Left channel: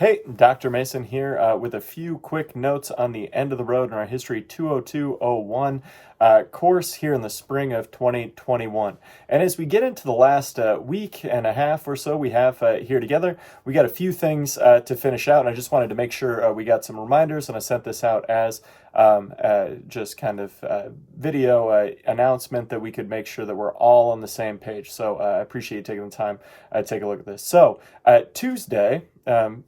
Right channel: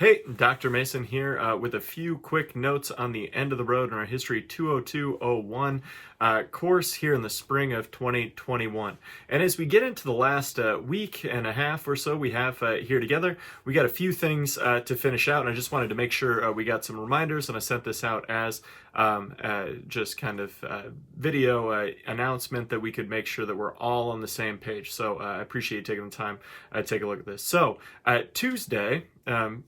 Hey, Dr. Mason here with a few quick notes on the end of the road in our History 202-01 course here in the spring of 2021. And as we get into the last week and a half or so we have here together, we got a few things to finish out, and I just wanted to make sure we got some reminders, and I sent this out as just kind of video announcement that we could make sure that we're all on the same page. So I appreciate you taking the time to take a look at this. So Tuesday,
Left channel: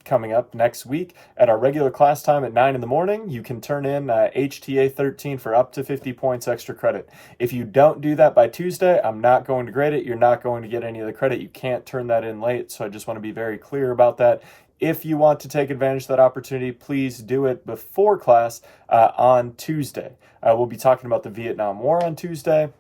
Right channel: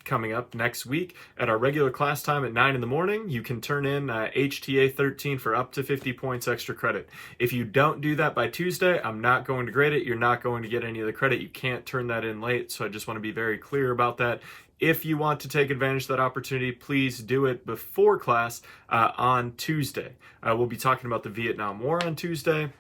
coming up next week at our regular class time at 9 in the morning, you can turn in HTA 13 for up to 50 points extra credit. If you don't do that by Tuesday, I'm not going to grade it. You're not going to get any of the credit. You can't turn that in late. So I just want to be very clear about that. If you want to take advantage of that opportunity, please do it before class on Tuesday. We'll be talking about the Vietnam War on Tuesday,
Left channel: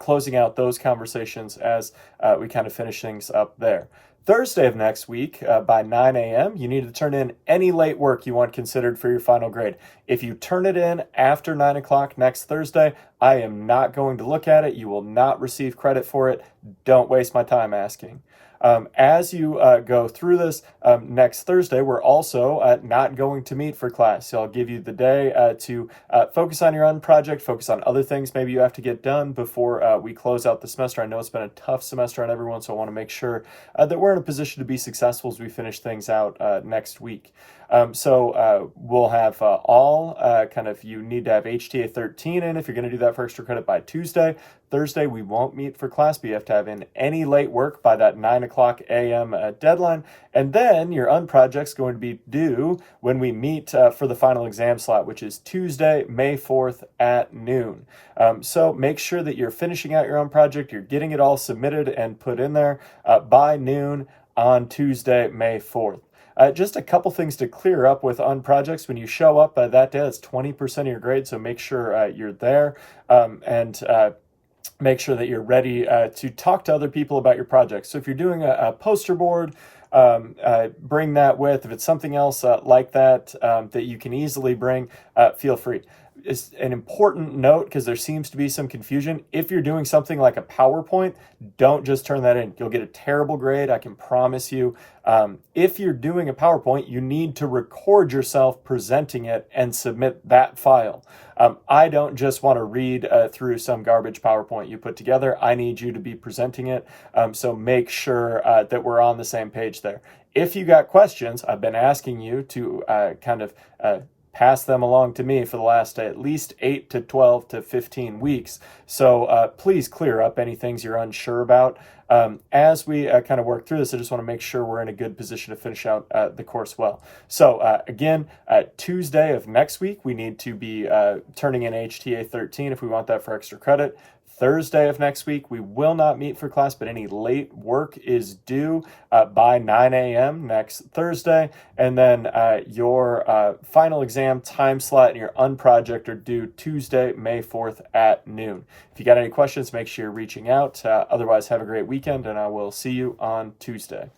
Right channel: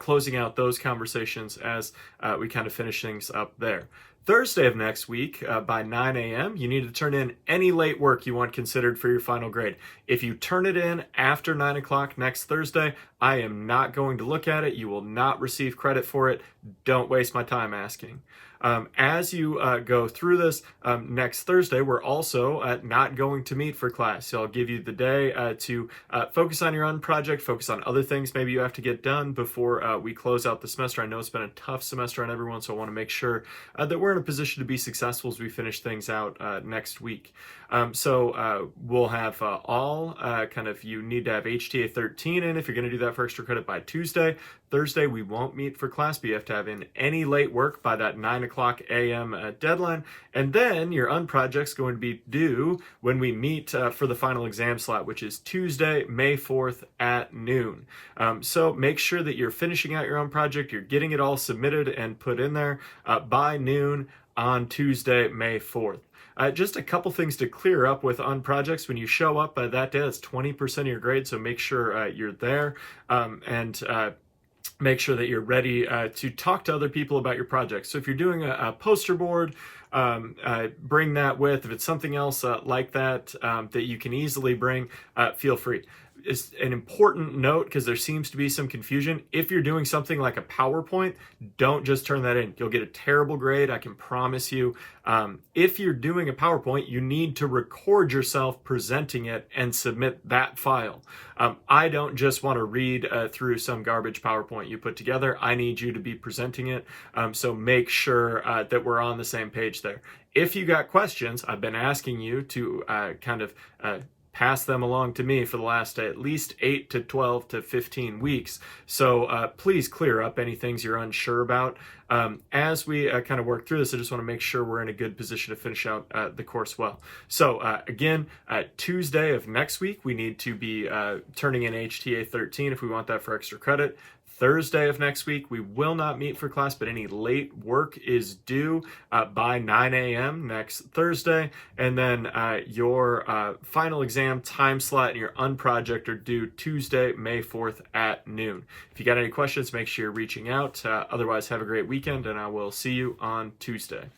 closing out those conversations as we kind of finish things up there. Thursday of next week by 9 a.m., you need to turn in any late work you want considered for your final grade. If you turn it in after 9 o'clock next Thursday, I am not going to look at it. You will not receive credit for it. Don't waste my time asking. As you go through this next Thursday, we're also not going to meet for class. So I'll give you the day to focus on your own project, focus on other things maybe you have to get done before we close out the semester. I know it's been a tough semester on everyone, so I want to make sure that we're in a position to be successful as we finish things out next week. So we'll have all you need to have HTA 13 in if you're going to do that for extra credit by Tuesday. Thursday, we won't meet for class, but you have to have in any late work by that 9 o'clock a.m. Deadline. And then your unproject's going to be due when we meet for the final exam slot, which is Tuesday, May 4th at noon. So make sure that you're finishing out your own project, you're getting it all submitted and put in there by noon on Tuesday, May 4th. Just a couple things to clear up with unprojects. When you show up that day, that's 20% of your grade, so make sure you're there and make sure that you're ready to talk to other people about your project. So if you're doing a poster board, bring that with. If it's something else like that that you can easily bring, feel free. Is an important note because there seems to be some confusion. If you're doing something like a PowerPoint, don't just turn that in. You'll get a terrible grade, I can promise you. If you're doing a PowerPoint, you need to record yourself presenting it and submit that file. I don't just want to read through some garbage PowerPoint you put together. I need you to be presenting it. So make sure that we're on the same page there. If you got questions, I've been asking you to pass them along to me for the last at least 8 to 12 to 15 weeks. So please clear up any things you're unsure about. As we kind of work through this, I just want to make sure we're in a good position to finish out the course well. So again, Tuesday of next week, we need to be turning in HTA 13 if we want that for extra credit. Thursday of next week, we will not meet for class, but any late work is due by 9 a.m. next Thursday. And then your final exam time slot and your unproject are due Tuesday, May 4th at noon. If you got any questions, make sure you're reaching out. Otherwise, have a great weekend, and I will see you on Tuesday.